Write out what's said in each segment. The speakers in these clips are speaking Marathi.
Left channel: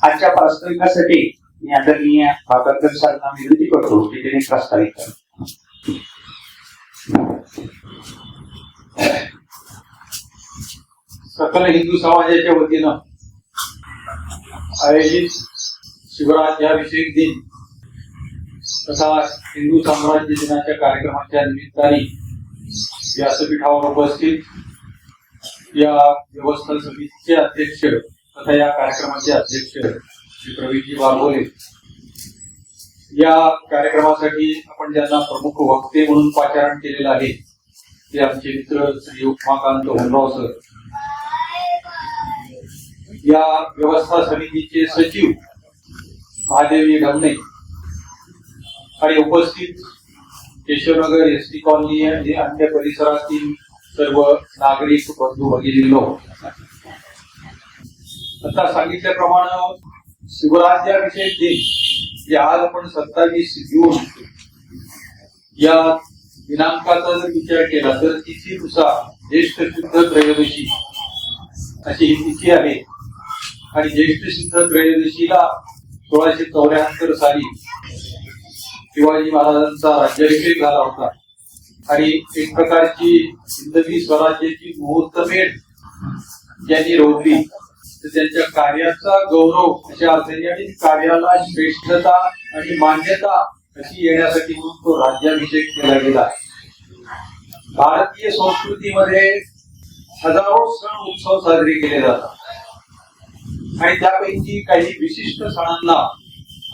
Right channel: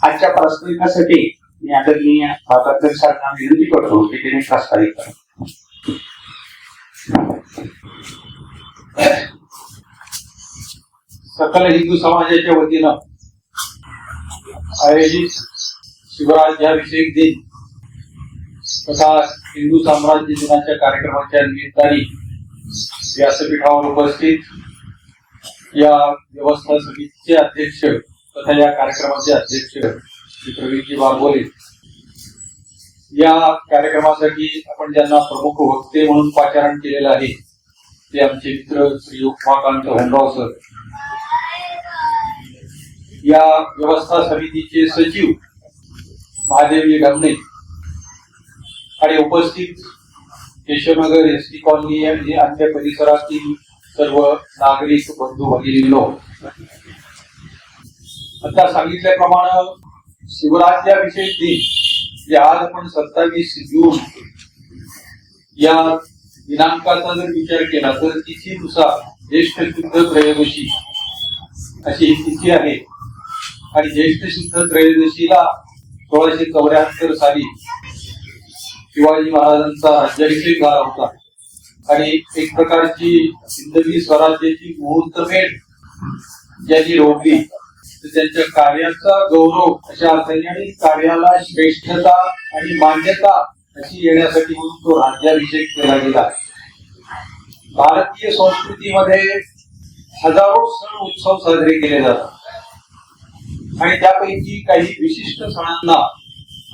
आजच्या प्रास्ताविकासाठी मी आदरणीय भागवत सरांना विनंती करतो की त्यांनी प्रास्ताविक करा. सकल हिंदू समाजाच्या वतीनं आयोजित शिवराज्याभिषेक दिन तथा हिंदू साम्राज्य दिनाच्या कार्यक्रमाच्या निमित्ताने व्यासपीठावर उपस्थित या व्यवस्था समितीचे अध्यक्ष तथा या कार्यक्रमाचे अध्यक्ष श्री प्रवीणजी बागोले, या कार्यक्रमासाठी आपण ज्यांना प्रमुख वक्ते म्हणून पाचारण केलेलं आहे ते आमचे मित्र श्री उमाकांत होनराव सर, या व्यवस्था समितीचे सचिव महादेवी ढमणे आणि उपस्थित केशवनगर एसटी कॉलनी आणि अन्य परिसरातील सर्व नागरिक बंधू भगिनींनो, आता सांगितल्याप्रमाणे शिवराज्याभिषेक दिन जे आज आपण 27 जून या दिनांकाचा जर विचार केला तर तिथीनुसार ज्येष्ठ शुद्ध त्रयोदशी अशी ही तिथी आहे आणि ज्येष्ठ शुद्ध त्रयोदशीला 1674 साली शिवाजी महाराजांचा राज्याभिषेक झाला होता आणि एक प्रकारची हिंदवी स्वराज्याची मुहूर्तमेढ ज्यांनी रोवली तर त्यांच्या कार्याचा गौरव अशा अर्थाने आणि कार्याला श्रेष्ठता आणि मान्यता अशी येण्यासाठी म्हणून तो राज्याभिषेक केला गेला. भारतीय संस्कृतीमध्ये हजारो सण उत्सव साजरे केले जातात आणि त्यापैकी काही विशिष्ट सणांना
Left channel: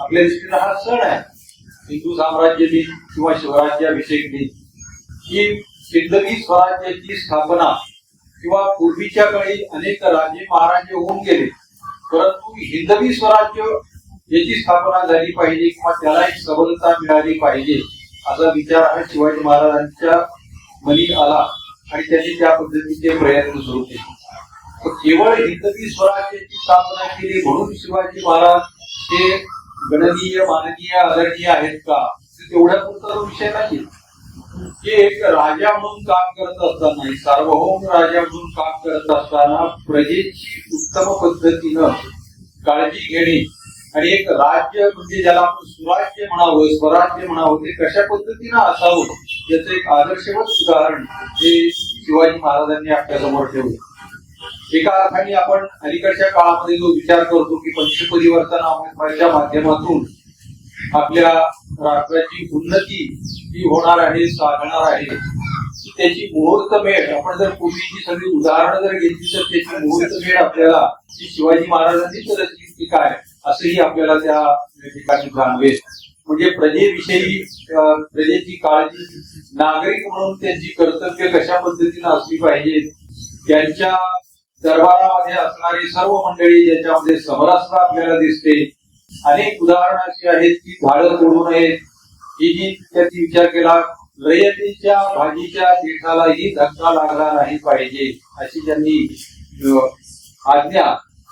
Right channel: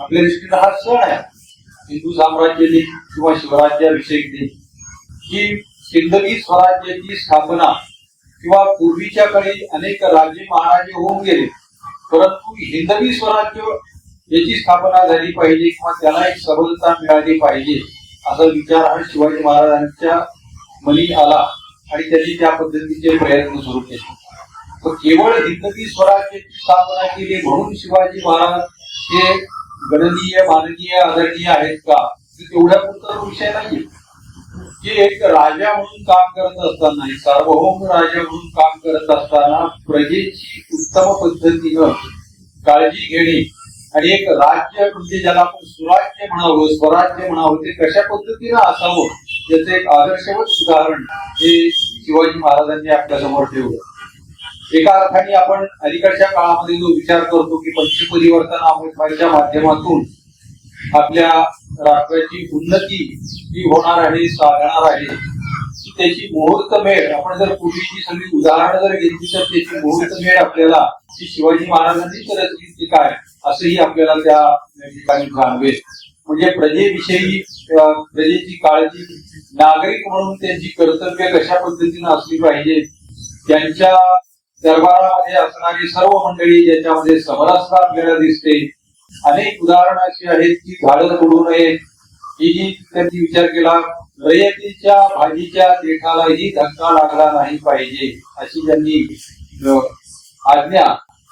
आपल्या दृष्टीने हा सण आहे हिंदू साम्राज्य दिन किंवा शिवराज्याभिषेक दिन, ही हिंदवी स्वराज्याची स्थापना किंवा पूर्वीच्या काळी अनेक राजे महाराजे होऊन गेले, परंतु हिंदवी स्वराज्य याची स्थापना झाली पाहिजे किंवा त्याला एक सबलता मिळाली पाहिजे असा विचार हा शिवाजी महाराजांच्या मनी आला आणि त्यांनी त्या पद्धतीचे प्रयत्न सुरू केले. केवळ हिंदवी स्वराज्याची स्थापना केली म्हणून शिवाजी महाराज हे गणनीय माननीय आदरणीय आहेत का, तेवढ्या पुरता विषय नाही. हे एक राजा म्हणून काम करत असताना, सार्वभौम राजा म्हणून काम करत असताना प्रजेची उत्तम पद्धतीनं काळजी घेणे आणि एक राज्य म्हणजे ज्याला आपण सुराज्य म्हणावं स्वराज्य म्हणावं ते कशा पद्धतीनं असावं याचं एक आदर्शवत उदाहरण हे शिवाजी महाराजांनी आपल्या समोर ठेवलं. एका अर्थाने आपण अलीकडच्या काळामध्ये जो विचार करतो की पंचपरिवर्तनाच्या माध्यमातून आपल्या राष्ट्राची उन्नती ही होणार आहे, साधणार आहे, त्याची मुहूर्तमेढ आपण जर पूर्वीची सगळी उदाहरणं जर घेतली तर त्याची मुहूर्तमेढ आपल्याला ती शिवाजी महाराजांनीच रचली की काय असंही आपल्याला त्या ठिकाणी जाणवेल. म्हणजे प्रजेविषयी प्रजेची काळजी, नागरिक म्हणून त्यांची कर्तव्य कशा पद्धतीनं असली पाहिजे, त्यांच्या दरबारामध्ये असणारी सर्व मंडळी ज्याच्यामध्ये समरसता आपल्याला दिसते. अनेक उदाहरणं अशी आहेत की झाडं तोडू नयेत, ही जी त्यांनी विचार केला, रयतेच्या भाजीच्या देठालाही धक्का लागला नाही पाहिजे अशी त्यांनी आज्ञा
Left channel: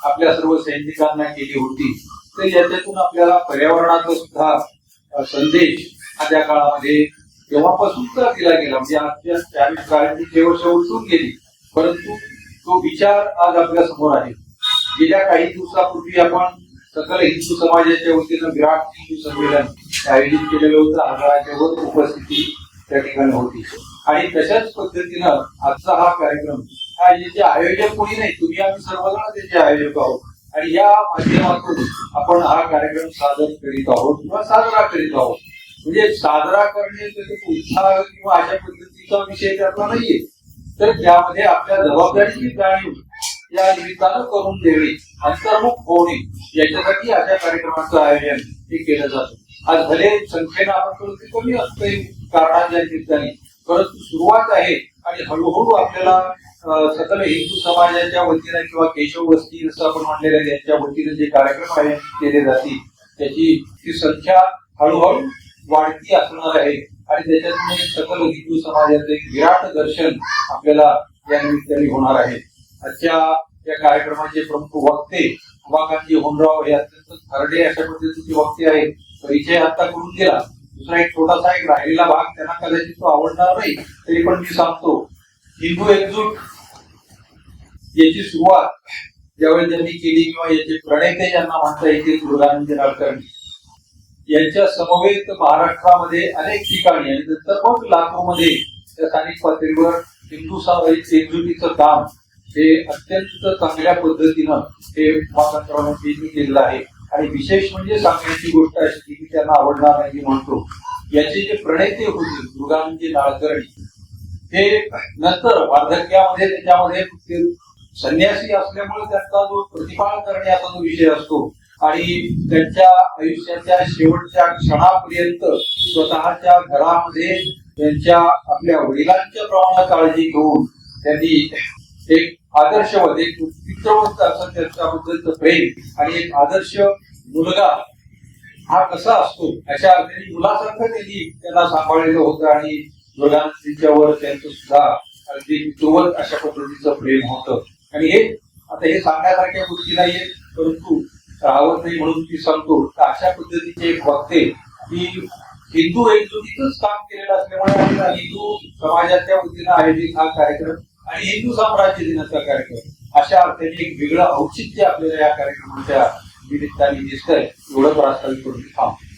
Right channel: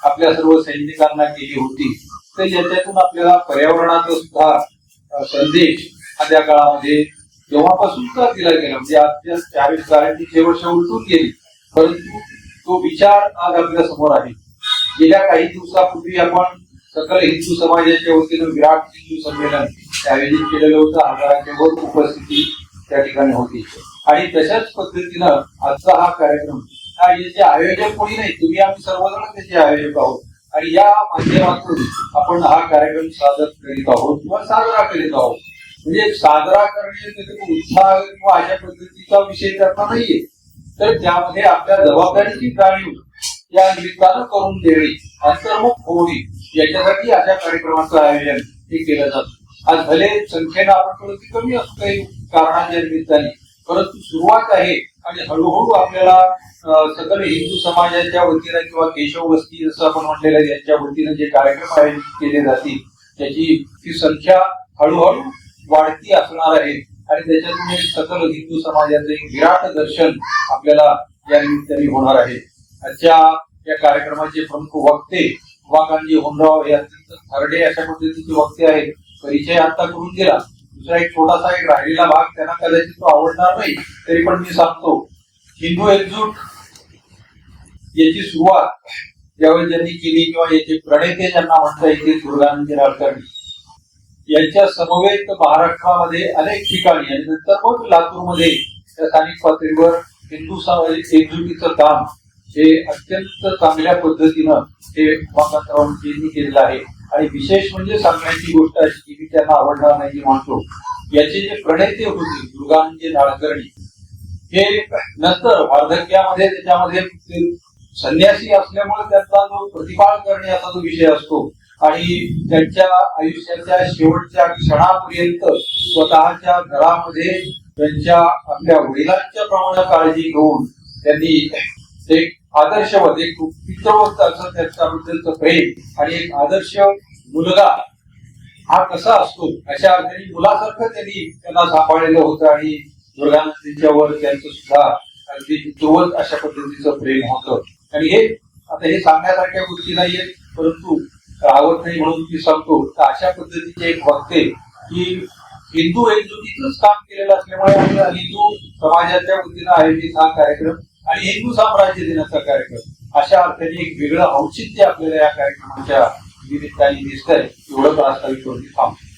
आपल्या सर्व सैनिकांना केली होती. तर याच्यातून आपल्याला पर्यावरणाचा सुद्धा संदेश त्या काळामध्ये तेव्हापासूनचा दिला गेला. म्हणजे आजच्या 40 काळाची शेवट उलटून गेली, परंतु तो विचार आज आपल्या समोर आहे. गेल्या काही दिवसापूर्वी आपण सकल हिंदू समाजाच्या वतीनं विराट हिंदू संमेलन आयोजित केलेलं होतं. हजाराच्या वर उपस्थिती त्या ठिकाणी होती आणि तशाच पद्धतीनं आजचा हा कार्यक्रम हा याचे आयोजक कोणी नाही, तुम्ही आम्ही सर्वजण त्याचे आयोजक आहोत आणि या माध्यमातून आपण हा कार्यक्रम सादर करीत आहोत किंवा साजरा करीत आहोत. म्हणजे साजरा करणे उत्साह किंवा अशा पद्धतीचा विषय त्याचा नाहीये, तर त्यामध्ये आपल्या जबाबदारीची जाणीव या निमित्तानं करून देणे, अंतर्मुख होणे याच्यासाठी अशा कार्यक्रमाचं आयोजन हे केलं जातं. आज भले संख्येनं आपण थोडी कमी असतो काही कारणांच्या निमित्ताने, परंतु सुरुवात आहे आणि हळूहळू आपल्याला सकल हिंदू समाजाच्या वतीनं किंवा केशव वस्ती जसं आपण म्हणलेलं आहे यांच्या वतीनं जे कार्यक्रम आयोजित केले जातील त्याची ती संख्या हळूहळू वाढती असणार आहे आणि त्याच्यातून एक सकल हिंदू समाजाचं एक विराट दर्शन आपल्याला या निमित्ताने होणार आहे. आजच्या या कार्यक्रमाचे प्रमुख वक्ते उमाकांतजी होनराव हे अत्यंत थरडे अशा पद्धतीचे वक्ते आहेत. परिचय आता करून दिला. दुसरा एक छोटासा एक राहिलेला भाग त्यांना कदाचित तो आवडणार नाही तरी पण मी सांगतो. हिंदू एकजूट याची सुरुवात ज्यावेळी त्यांनी केली किंवा याचे प्रणेते ज्यांना म्हणता येतील दुर्गानंद नाडकर्णी यांच्या समवेत महाराष्ट्रामध्ये अनेक ठिकाणी आणि नंतर मग लातूरमध्ये त्या स्थानिक पातळीवर हिंदू समाजाची एकजुटीचं काम हे अत्यंत चांगल्या पद्धतीनं हे उमाकांतरावांनी केलेलं आहे. आणि विशेष म्हणजे सांगण्याची गोष्ट अशी की मी त्यांना आवडणार नाही म्हणतो, याचे जे प्रणेते होते दुर्गानंद नाडकर्णी हे नंतर वार्धक्यामध्ये त्याच्यामध्ये संन्यासी असल्यामुळे त्यांचा जो प्रतिपाळ करण्याचा जो विषय असतो आणि त्यांच्या आयुष्याच्या शेवटच्या क्षणापर्यंत स्वतःच्या घरामध्ये त्यांच्या आपल्या वडिलांच्या प्रमाणे काळजी घेऊन त्यांनी एक आदर्शवत एक पितृवत असं त्यांच्याबद्दलचं प्रेम आणि एक आदर्श मुलगा हा कसा असतो अशा अर्थाने मुलासारखं त्यांनी त्यांना सांभाळलेलं होतं आणि दुर्गांच्यावर त्यांचं सुद्धा अगदी पितृवत अशा पद्धतीचं प्रेम होतं. आणि हे आता हे सांगण्यासारख्या गोष्टी नाहीये, परंतु राहत नाही म्हणून ती सांगतो. तर अशा पद्धतीचे एक बघते की हिंदू एकजुटीच काम केलेलं असल्यामुळे हिंदू समाजाच्या वतीनं आयोजित हा कार्यक्रम आणि हिंदू साम्राज्य दिनाचा कार्यक्रम अशा अर्थाने एक वेगळं औचित्य आपल्याला या कार्यक्रमाच्या निमित्ताने दिसतंय. एवढं प्रास्ताविक करून थांबतो.